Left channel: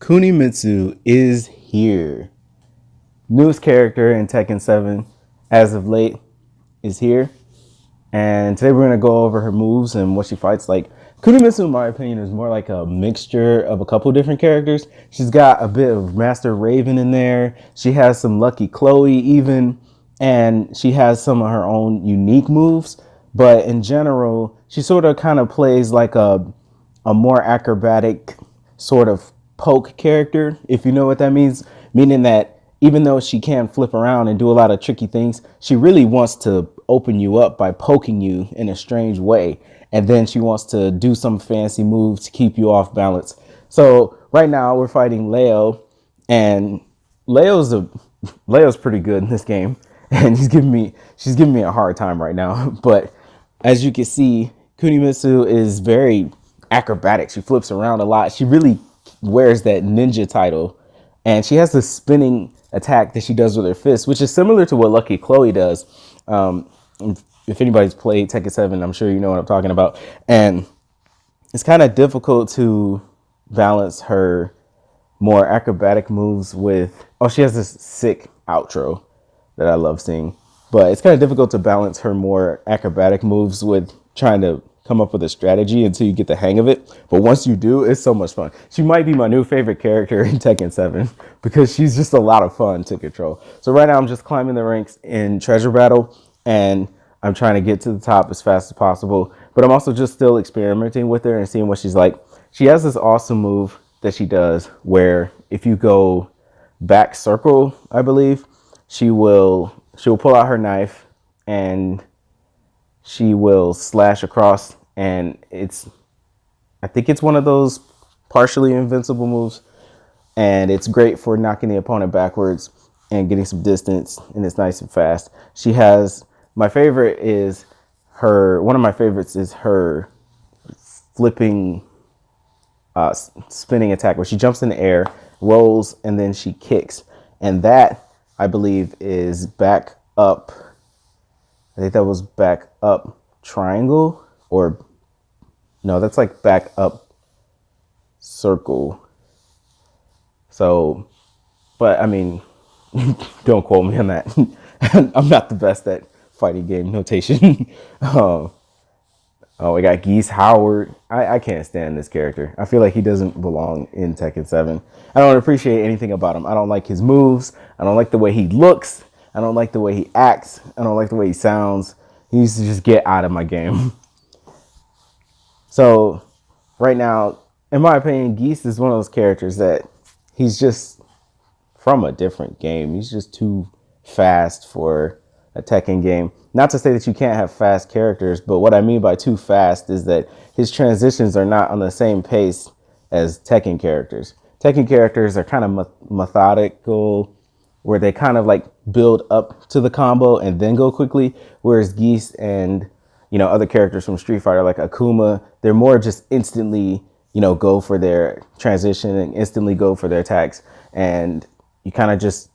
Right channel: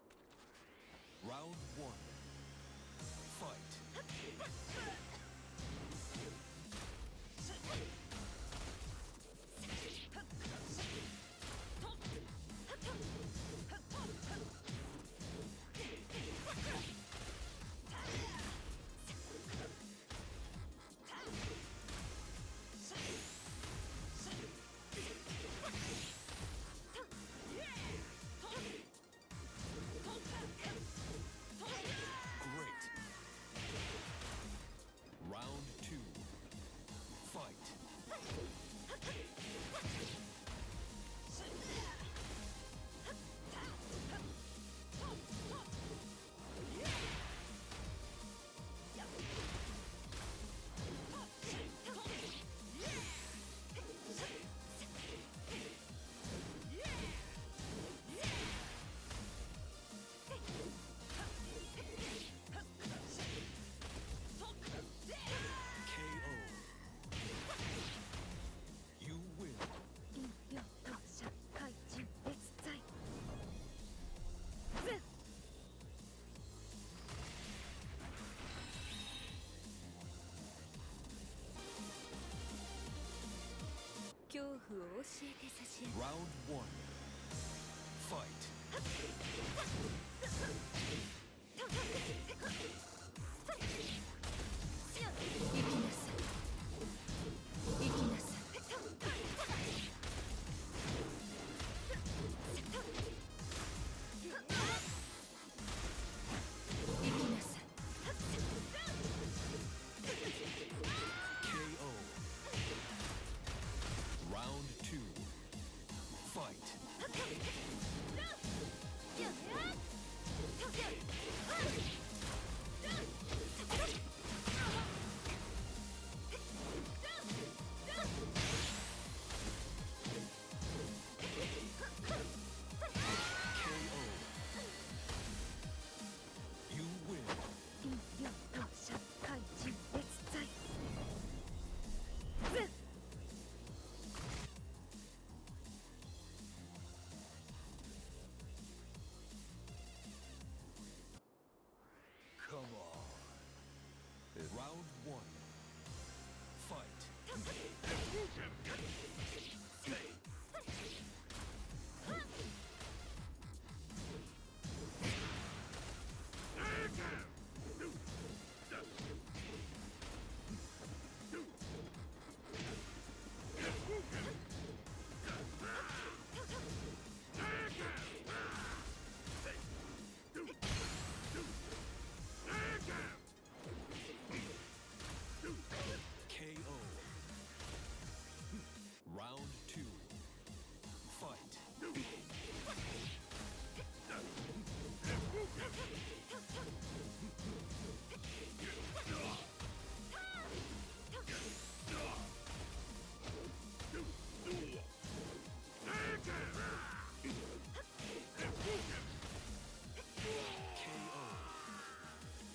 Kunimitsu is here. Newest character in Tekken 7 as of late is here. And today we're going to go over her moves and what she fights like. Kunimitsu, in my opinion, is more like a mixture of a couple different characters. She's got a bit of Master Raven in there. She has some Lucky Chloe even. And she has some of her own unique moves. But in general, she sort of kind of plays like a more acrobatic sort of poke character, if you know what that means. Meaning that even though she can flip around and do a lot of tricky things, she really wants to open you up by poking you in a strange way. And then she wants to do some fancy moves to keep you off balance. So right now we're fighting Leo, and Leo's a Leo's pretty good in this game, and she's giving me a hard time right now. But as you can see, Kunimitsu is very acrobatic. She flips around a lot. She really wears that ninja title, and she has this spinning attack that she does with her fist, which is similar to what Lucky Chloe does. Um, if anybody's played Tekken 7, I'm sure you know what I'm talking about. And it's kind of difficult to balance her more acrobatic moves with. Oh, she has this sick outro that I love seeing. But it's kind of difficult to balance her more acrobatic moves with trying to come up with a strategy until you get the hang of it. But once you do, it's so much fun. She might be my new favorite character in Tekken 7 because she's just a lot of fun to control. So right now I'm just climbing the ranks in Treasure Battle, and I'm trying to get to the top as fast as possible. But I'm also just still experimenting with her and seeing what she's like. She has this awesome move that she does where if you go back circle, I believe, she'll pull out her knife and she will slash across, and I think it's one of those partially invincible moves, and it's great for knocking the opponent backwards and getting some distance, and it's nice and fast. She has my favorite is her one of my favorites is her flipping spinning attack where she jumps in the air, rolls, and then she kicks. And that, I believe, is back up. I think that was back up triangle, or no, that's like back up circle. So, but I mean, don't quote me on that. I'm not the best at fighting game notation. um, Oh, we got Geese Howard. I can't stand this character. I feel like he doesn't belong in Tekken 7. I don't appreciate anything about him. I don't like his moves. I don't like the way he looks. I don't like the way he acts. I don't like the way he sounds. He needs to just get out of my game. So, right now, in my opinion, Geese is one of those characters that he's just from a different game. He's just too fast for a Tekken game. Not to say that you can't have fast characters, but what I mean by too fast is that his transitions are not on the same pace as Tekken characters. Tekken characters are kind of methodical, where they kind of like build up to the combo and then go quickly, whereas Geese and other characters from Street Fighter like Akuma, they're more just instantly go for their transition and instantly go for their attacks, and you kind of just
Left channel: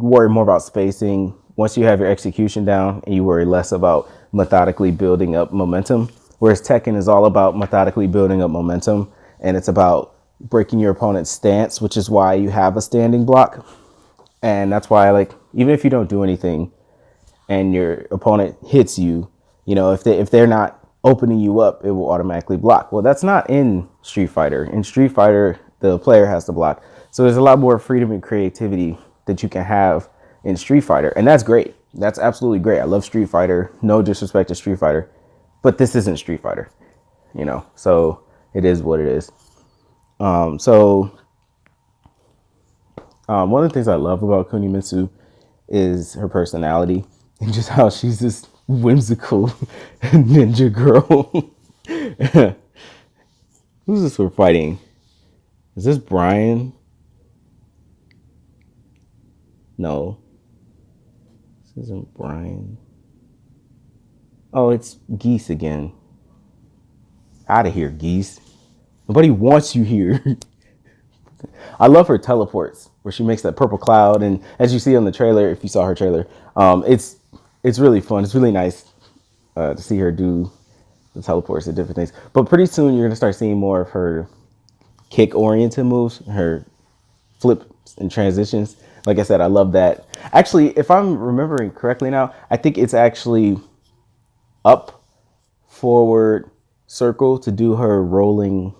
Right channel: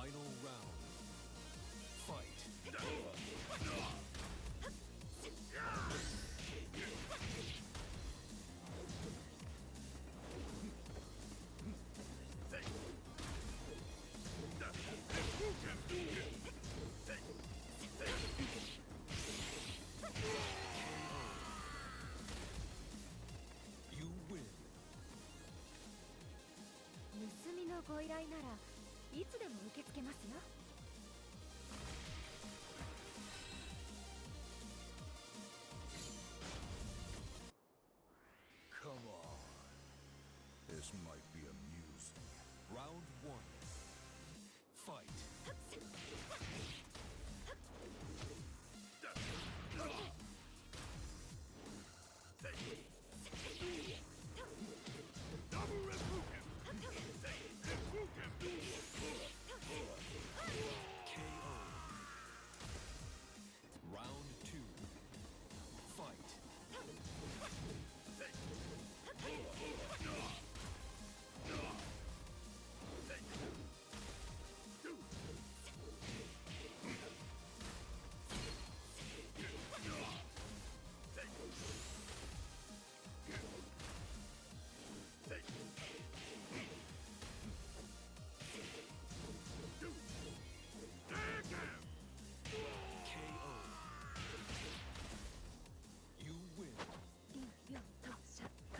worry more about spacing once you have your execution down, and you worry less about methodically building up momentum. Whereas Tekken is all about methodically building up momentum, and it's about breaking your opponent's stance, which is why you have a standing block. And that's why, like, even if you don't do anything and your opponent hits you, if they're not opening you up, it will automatically block. Well, that's not in Street Fighter. In Street Fighter, the player has to block. So there's a lot more freedom and creativity that you can have in Street Fighter, and that's great. That's absolutely great. I love Street Fighter. No disrespect to Street Fighter, but this isn't Street Fighter, So it is what it is. So one of the things I love about Kunimitsu is her personality and just how she's this whimsical ninja girl. Who's this we're fighting? Is this Brian? No. This isn't Brian. Oh, it's Geese again. Out of here, Geese. Nobody wants you here. I love her teleports where she makes that purple cloud, and as you see on the trailer, if you saw her trailer, it's really fun. It's really nice to see her do the teleports and different things. But pretty soon you're gonna start seeing more of her kick oriented moves, her flips and transitions. Like I said, I love that. Actually, if I'm remembering correctly now, I think it's actually up, forward, circle to do her rolling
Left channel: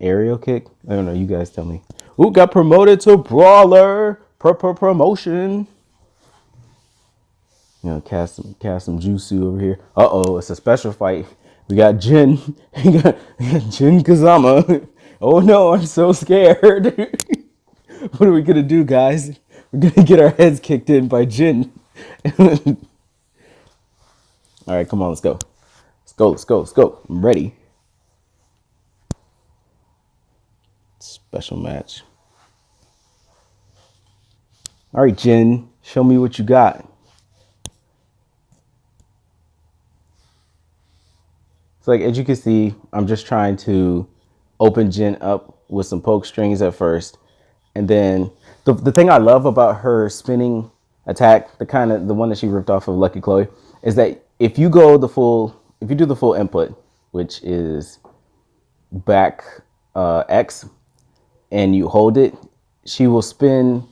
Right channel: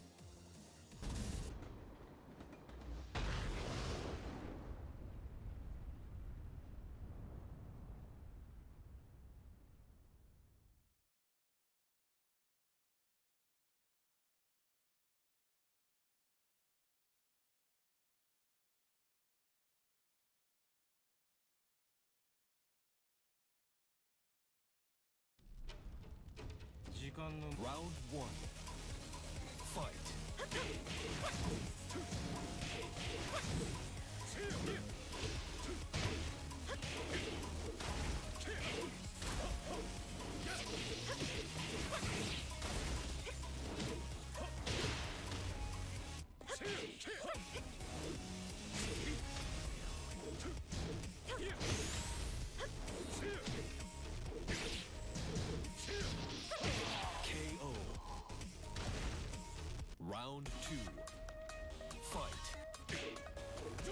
aerial kick. I don't know, you guys tell me. Ooh, got promoted to brawler. Promotion. You know, cast some jutsu over here. Uh-oh, it's a special fight. We got Jin. we got Jin Kazama. Oh no, I'm so scared. What are we gonna do, guys? We're gonna get our heads kicked in by Jin. All right, come on, let's go. Let's go. I'm ready. Special match. All right, Jin, show me what you got. Like, as you can see, I'm just trying to open Jin up with some poke strings at first. And then the thing I love about her spinning attack, the one that she ripped off of Lucky Chloe, is that if you do the full input, which is back X, and you hold it, she will spin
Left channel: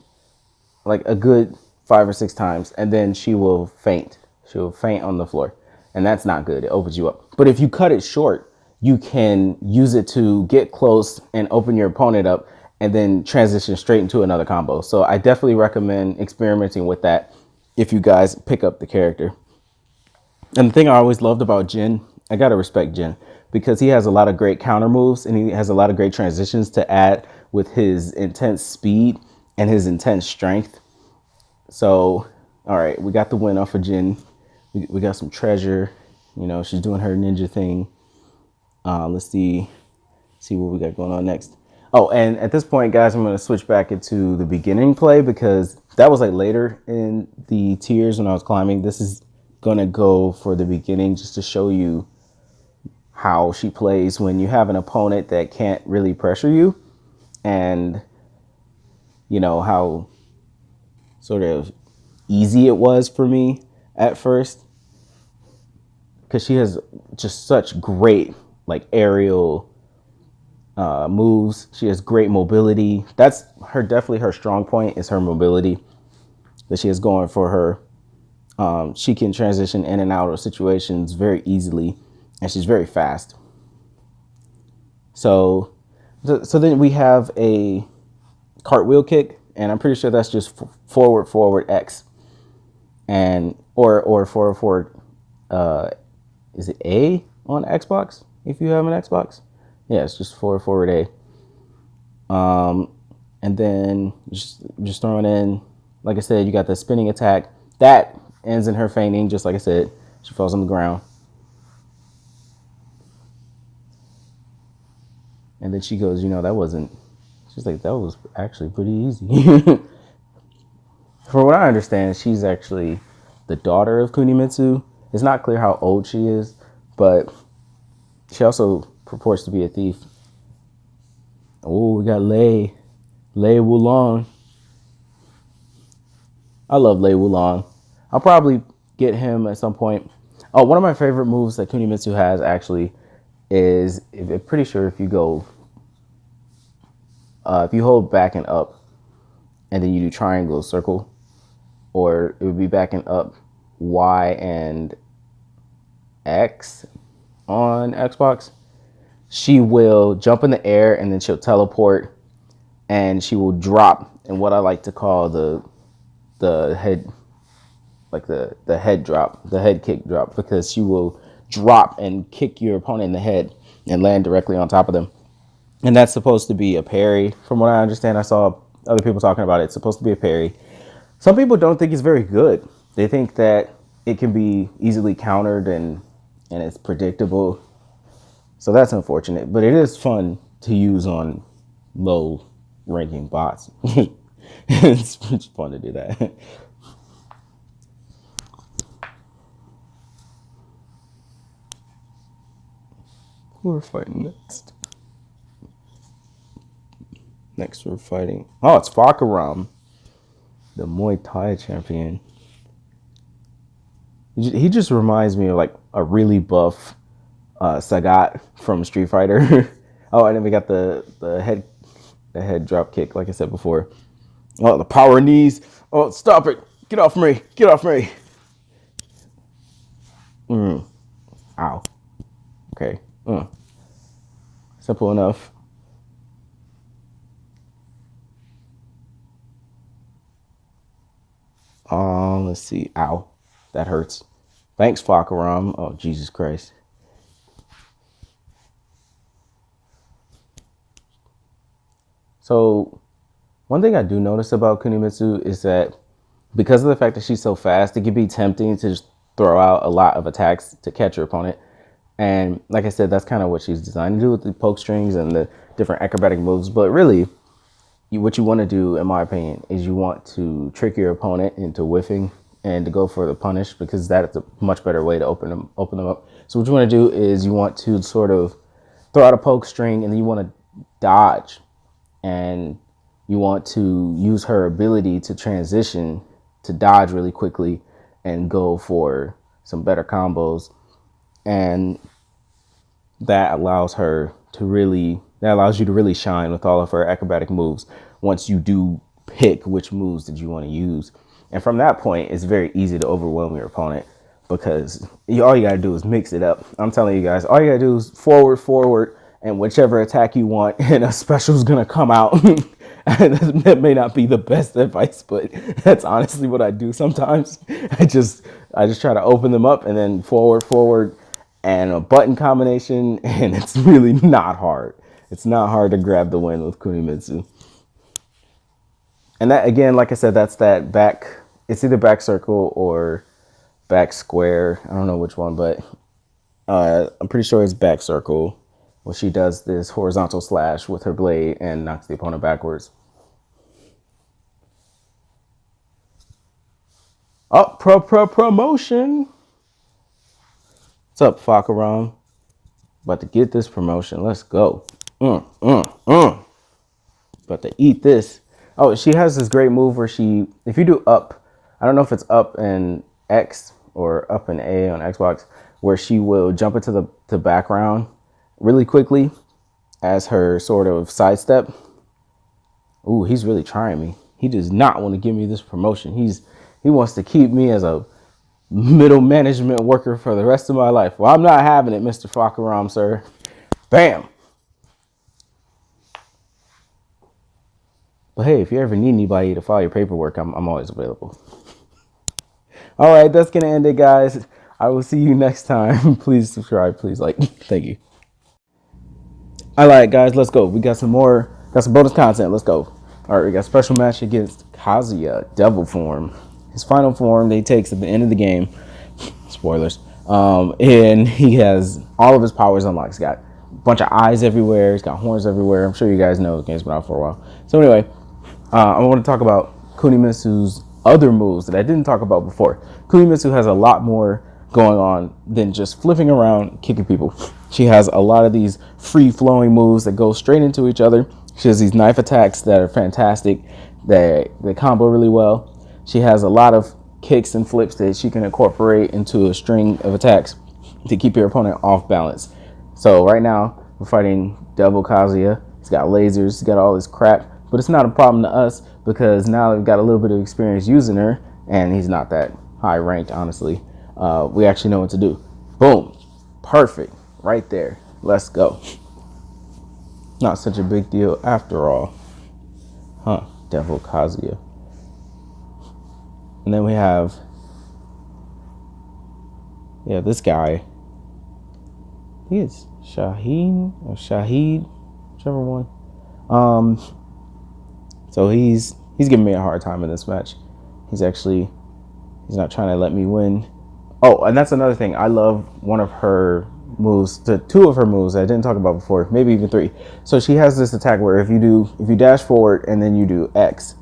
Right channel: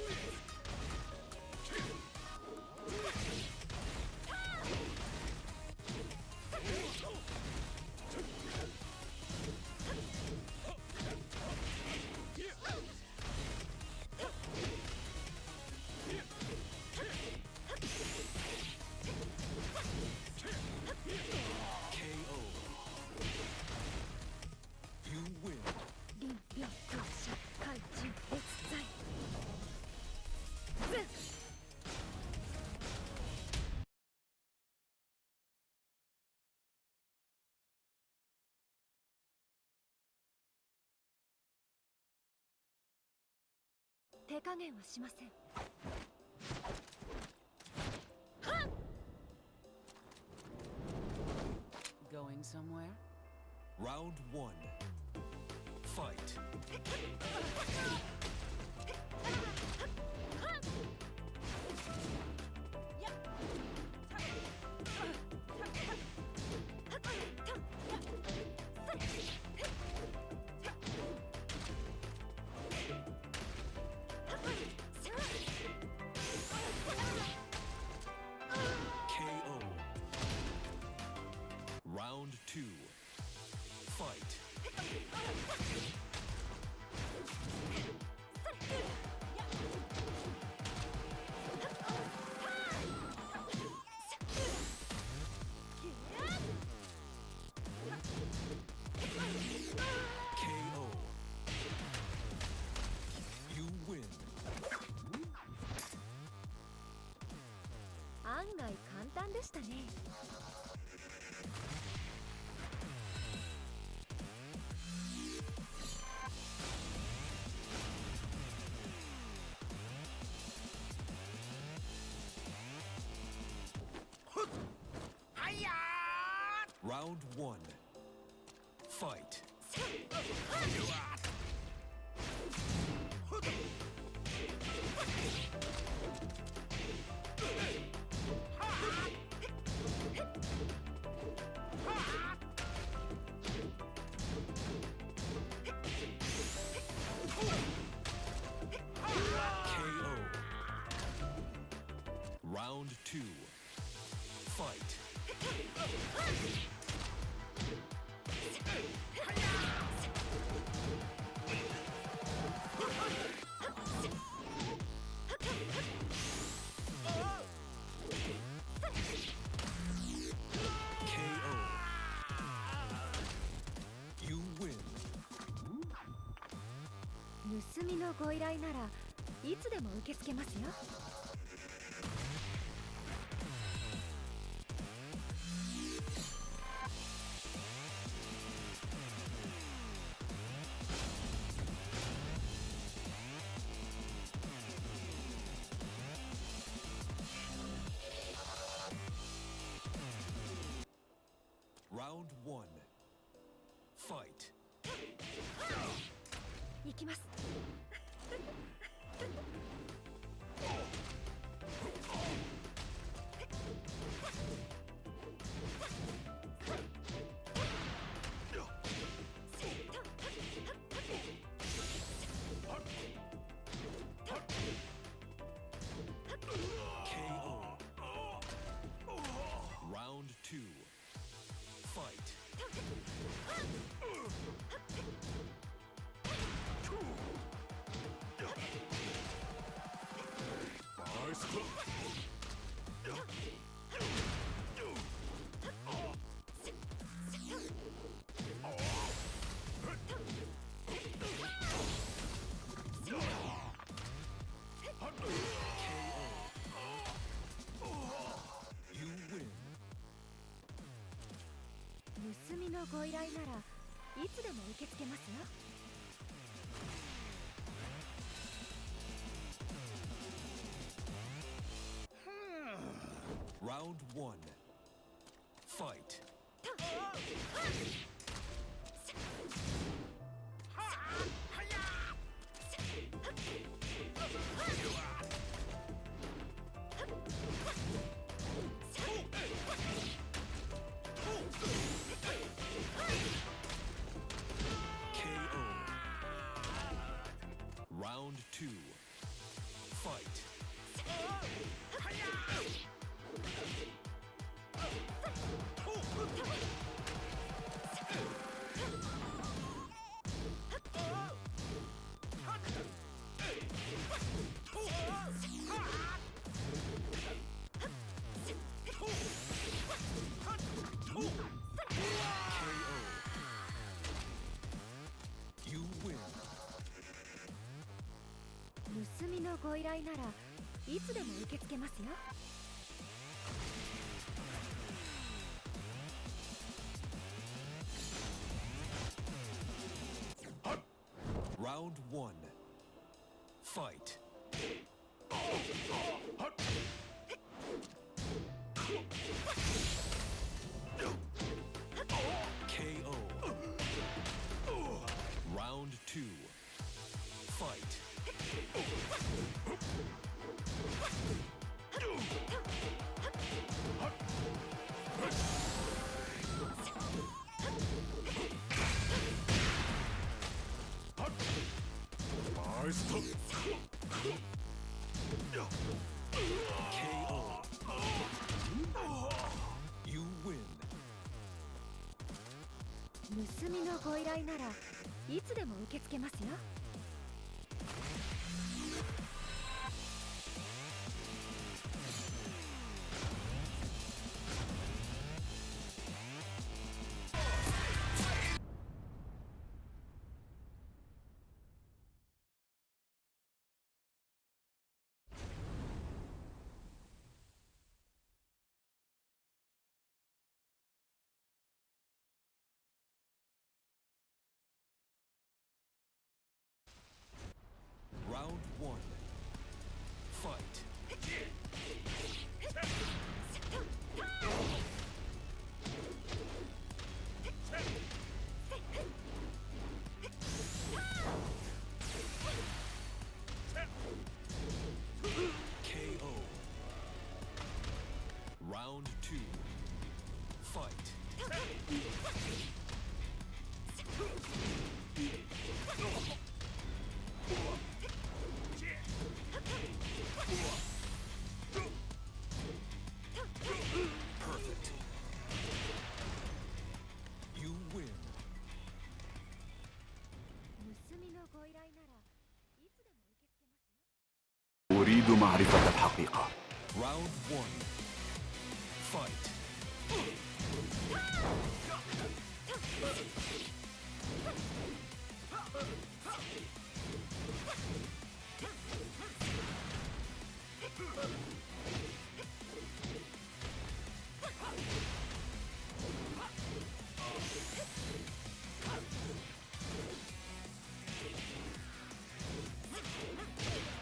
like a good 5 or 6 times, and then she will faint. She will faint on the floor, and that's not good. It opens you up. But if you cut it short, you can use it to get close and open your opponent up, and then transition straight into another combo. So I definitely recommend experimenting with that if you guys pick up the character. And the thing I always loved about Jin, I gotta respect Jin, because he has a lot of great counter moves and he has a lot of great transitions to add with his intense speed and his intense strength. So, all right, we got the win off of Jin. We got some treasure. You know, she's doing her ninja thing. Let's see what we got going on next. Oh, and at this point, guys, I'm going to switch back into the beginning play because that was like later in the tiers when I was climbing. This is going to go for the beginning just to show you how she plays when you have an opponent that can't really pressure you, and you know how sort of easy it was for me at first, because she has just such great like aerial moves. She has great mobility. That's definitely her strong point, is her mobility that she has going for her. She can transition in and out of situations very easily, and she's very fast. So then we have a cartwheel kick, and I'm pretty sure that's just forward X, and or forward. Is it A on Xbox? If you have an Xbox, yeah, it's just forward A. And then just throwing in, like I said, you got the spinning attack that ends in her fainting. Just like I said, she falls on the ground. And then she goes, you know, she's like, that was actually pretty easy. From what I understand, she's actually the daughter of Kunimitsu. It's not clear how old she is, but she also purports to be a thief. Oh, we got Lei Wulong. I love Lei Wulong. I'll probably get him at some point. Oh, one of my favorite moves that Kunimitsu has actually is, I'm pretty sure if you go, if you hold back and up, and then you do triangle, circle, or it would be back and up, Y and X on Xbox, she will jump in the air and then she'll teleport, and she will drop in what I like to call the head, like the head drop, the head kick drop, because she will drop and kick your opponent in the head and land directly on top of them. And that's supposed to be a parry. From what I understand, I saw other people talking about it. It's supposed to be a parry. Some people don't think it's very good. They think that it can be easily countered and it's predictable. So that's unfortunate, but it is fun to use on low ranking bots. It's fun to do that. Who are fighting next? Next we're fighting, oh, it's Fakaram, the Muay Thai champion. He just reminds me of like a really buff Sagat from Street Fighter. Oh, and then we got the head drop kick, like I said before. Oh, the power knees. Oh, stop it! Get off me! Get off me! Ow. Okay. Simple enough. Let's see. Ow. That hurts. Thanks, Fakaram. Oh, Jesus Christ. So, one thing I do notice about Kunimitsu is that because of the fact that she's so fast, it can be tempting to just throw out a lot of attacks to catch her opponent. And like I said, that's kind of what she's designed to do with the poke strings and the different acrobatic moves. But really, what you want to do, in my opinion, is you want to trick your opponent into whiffing and to go for the punish, because that is a much better way to open them up. So what you want to do is you want to sort of throw out a poke string, and then you want to dodge, and you want to use her ability to transition to dodge really quickly and go for some better combos. And that allows you to really shine with all of her acrobatic moves once you do pick which moves that you want to use. And from that point, it's very easy to overwhelm your opponent, because all you gotta do is mix it up. I'm telling you guys, all you gotta do is forward, and whichever attack you want, and a special is gonna come out. That may not be the best advice, but that's honestly what I do sometimes. I just try to open them up and then forward, and a button combination, and it's really not hard. It's not hard to grab the win with Kunimitsu. And that, again, like I said, that's that back, it's either back circle or back square. I don't know which one, but I'm pretty sure it's back circle, where she does this horizontal slash with her blade and knocks the opponent backwards. Oh, promotion. What's up, Fakaram? About to get this promotion. Let's go. About to eat this. Oh, she has this great move where if you do up, I don't know if it's up and X or up and A on Xbox, where she will jump into the background really quickly as her sort of sidestep. Ooh, he's really trying me. He does not want to give me this promotion. He wants to keep me as a middle management worker for the rest of my life. Well, I'm not having it, Mr. Fakaram, sir. Bam. But hey, if you ever need anybody to file your paperwork, I'm always available. All right, that's gonna end it, guys. I will see you next time. Please subscribe, please like. Thank you. All right, guys, let's go. We got some bonus content. Let's go. All right, we got a special match against Kazuya, Devil Form. His final form that he takes at the end of the game. Spoilers. And he has all of his powers unlocked. He's got a bunch of eyes everywhere. He's got horns everywhere. I'm sure you guys know the game's been out for a while. So anyway, I want to talk about Kunimitsu's other moves that I didn't talk about before. Kunimitsu has a lot more going on than just flipping around, kicking people. She has a lot of these free-flowing moves that go straight into each other. She has these knife attacks that are fantastic. They combo really well. She has a lot of kicks and flips that she can incorporate into a string of attacks to keep your opponent off balance. So right now, we're fighting Devil Kazuya. He's got lasers, he's got all this crap, but it's not a problem to us because now we've got a little bit of experience using her, and he's not that high ranked, honestly. We actually know what to do. Boom. Perfect. Right there. Let's go. Not such a big deal after all. Huh. Devil Kazuya. And then we have, this guy. He is Shaheen or Shahid, whichever one. So he's giving me a hard time in this match. He's not trying to let me win. Oh, and that's another thing. I love one of her moves, two of her moves I didn't talk about before, maybe even three. So she has this attack where if you dash forward and then you do X,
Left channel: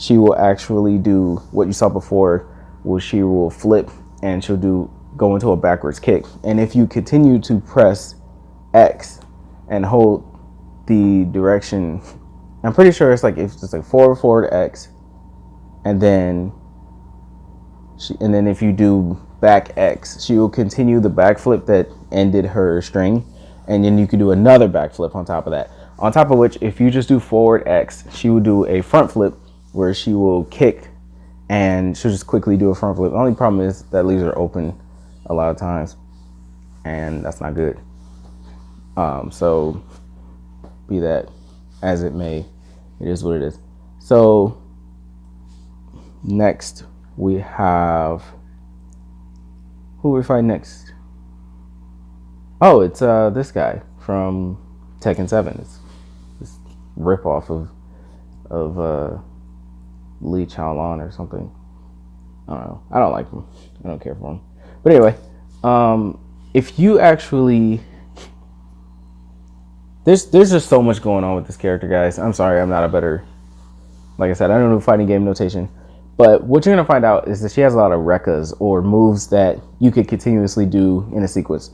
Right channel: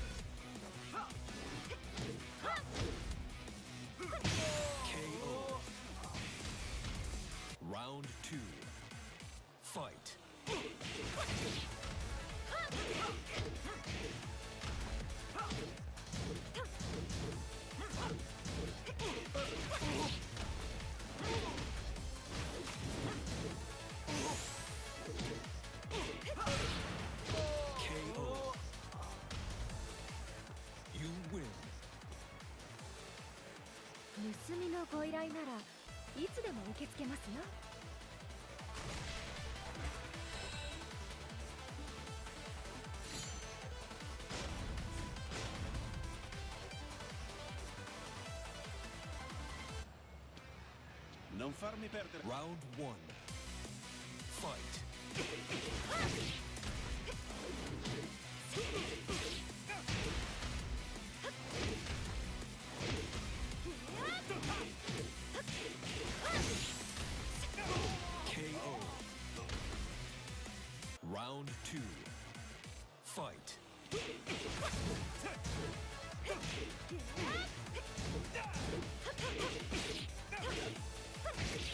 she will actually do what you saw before, where she will flip and she'll go into a backwards kick. And if you continue to press X and hold the direction, I'm pretty sure it's like forward X, and then if you do back X, she will continue the backflip that ended her string, and then you can do another backflip on top of that. On top of which, if you just do forward X, she will do a front flip where she will kick and she'll just quickly do a front flip. The only problem is that leaves her open a lot of times, and that's not good. So be that as it may, it is what it is. So next we have, who we fight next? Oh, it's this guy from Tekken 7. It's just rip off of Lee Chaolan or something. I don't know. I don't like him. I don't care for him. But anyway, if you actually, there's just so much going on with this character, guys. I'm sorry, I'm not a better, like I said, I don't know fighting game notation. But what you're gonna find out is that she has a lot of rekkas, or moves that you could continuously do in a sequence.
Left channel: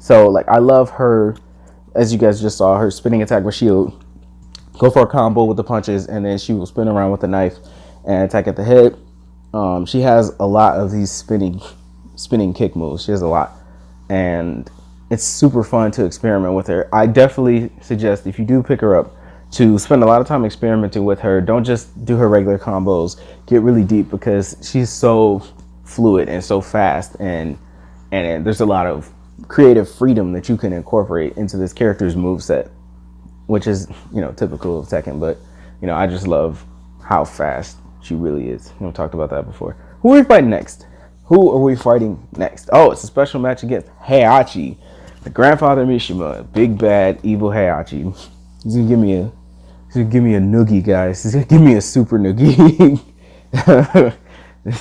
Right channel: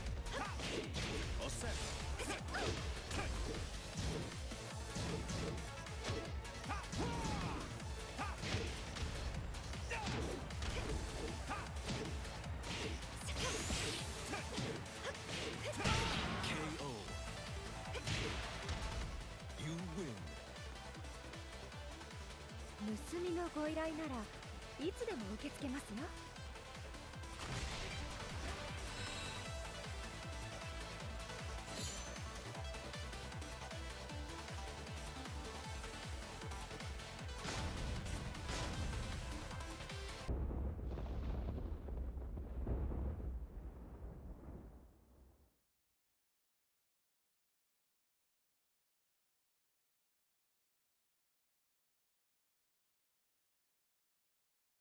So like, I love her, as you guys just saw, her spinning attack where she'll go for a combo with the punches and then she will spin around with the knife and attack at the head. She has a lot of these spinning kick moves. She has a lot, and it's super fun to experiment with her. I definitely suggest, if you do pick her up, to spend a lot of time experimenting with her. Don't just do her regular combos. Get really deep, because she's so fluid and so fast, and there's a lot of creative freedom that you can incorporate into this character's moveset, which is, you know, typical of Tekken. But, you know, I just love how fast she really is. We've talked about that before. Who are we fighting next? Who are we fighting next? Oh, it's a special match against Heihachi, the grandfather Mishima, big bad evil Heihachi. He's gonna give me a noogie, guys. He's gonna give me a super noogie. Let's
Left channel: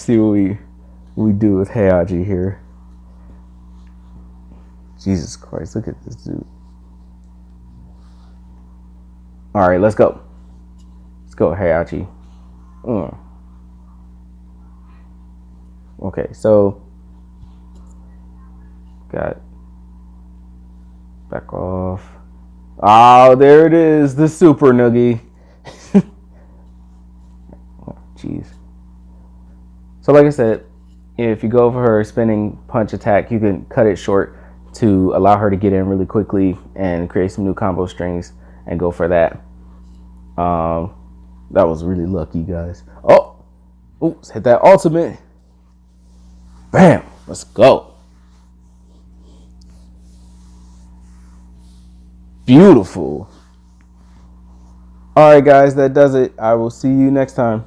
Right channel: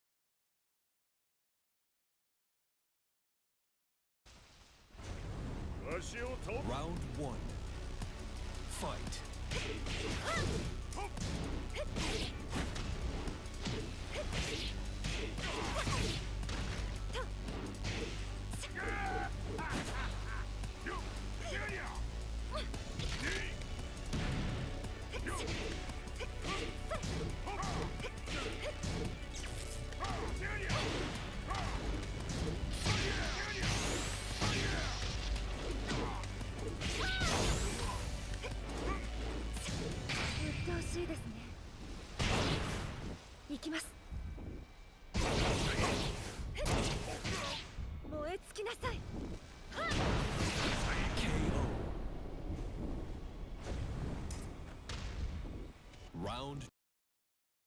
see what we do with Heihachi here. Jesus Christ, look at this dude. All right, let's go. Let's go, Heihachi. Okay, so got back off. Oh, there it is, the super noogie. Oh, geez. So like I said, if you go for her spinning punch attack, you can cut it short to allow her to get in really quickly and create some new combo strings and go for that. That was really lucky, guys. Oh, oops, hit that ultimate. Bam, let's go. Beautiful. All right, guys, that does it. I will see you next time.